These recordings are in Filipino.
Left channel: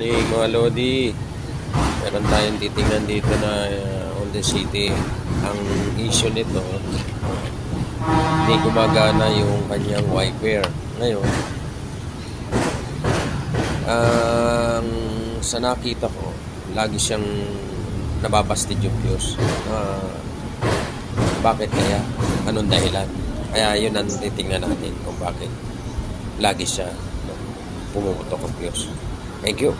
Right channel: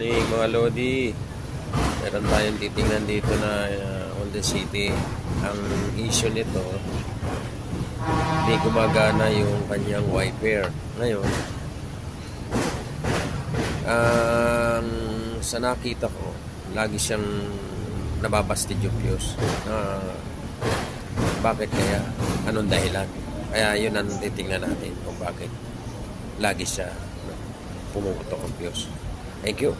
Morning mga Lodi. Meron tayong titingnan dito na Honda City. Ang issue nito, hindi gumagana yung kanyang wiper. Ngayon, sa nakita ko, lagi siyang nababastid yung fuse. Bakit kaya? Anong dahilan? Kaya yun ang titingnan natin kung bakit lagi siya pumuputok ang fuse. Thank you.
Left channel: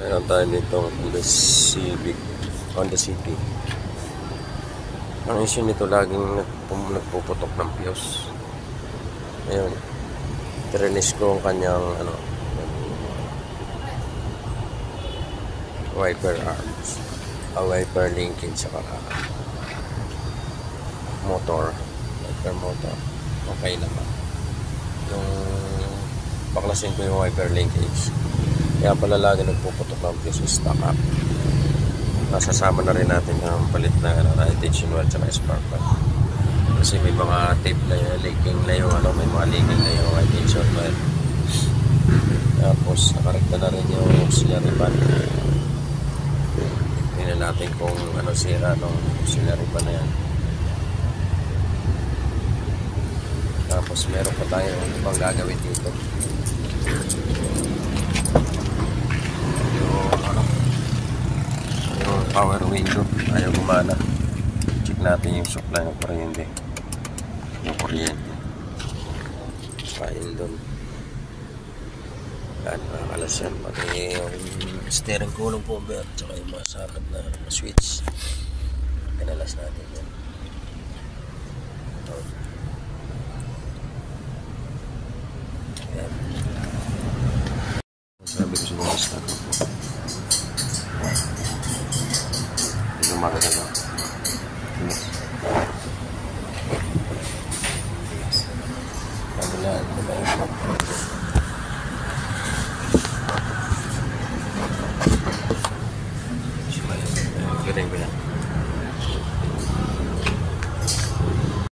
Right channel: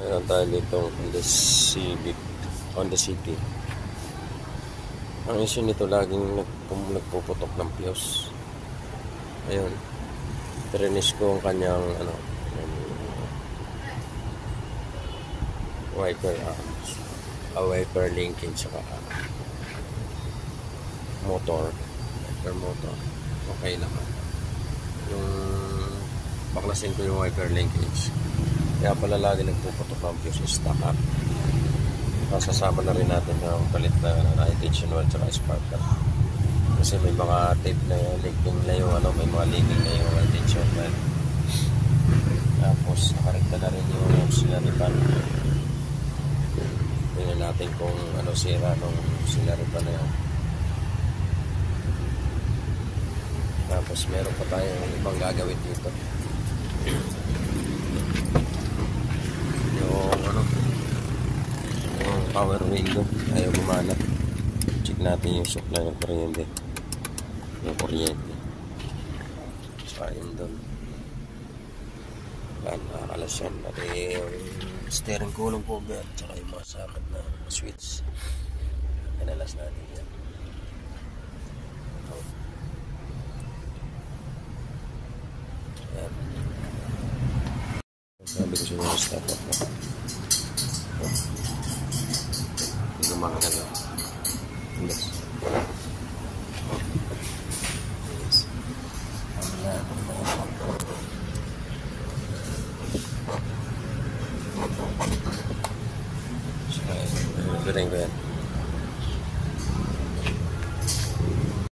Meron tayo dito Honda City. Ang issue nito, laging nagpuputok ng fuse. Ayun, tirinis ko ang kanyang wiper arms, wiper linkage, sa motor, wiper motor. Okay naman. Yung baklasin ko yung wiper linkage, kaya pala lagi nagpuputok ng fuse, stock up. Nasasama na rin natin yung palit na attention wheel at spark plug, kasi may mga tape na leaking na yung may mga leaking na yung attention wheel. Tapos nakarekta na rin yung auxiliary pan. Tingnan natin kung sira ng auxiliary pan yan. Tapos meron pa tayo ibang gagawin dito. Yung power window ayaw gumana. Check natin yung supply ng kuryente. Yung kuryente ayun doon, nakakalas yan. Pati yung steering column cover at saka yung mga sakit na switch, pinalas natin yun. Sabit yung mga start up mo. Yung mga gano'n. Pagulaan ko na ito.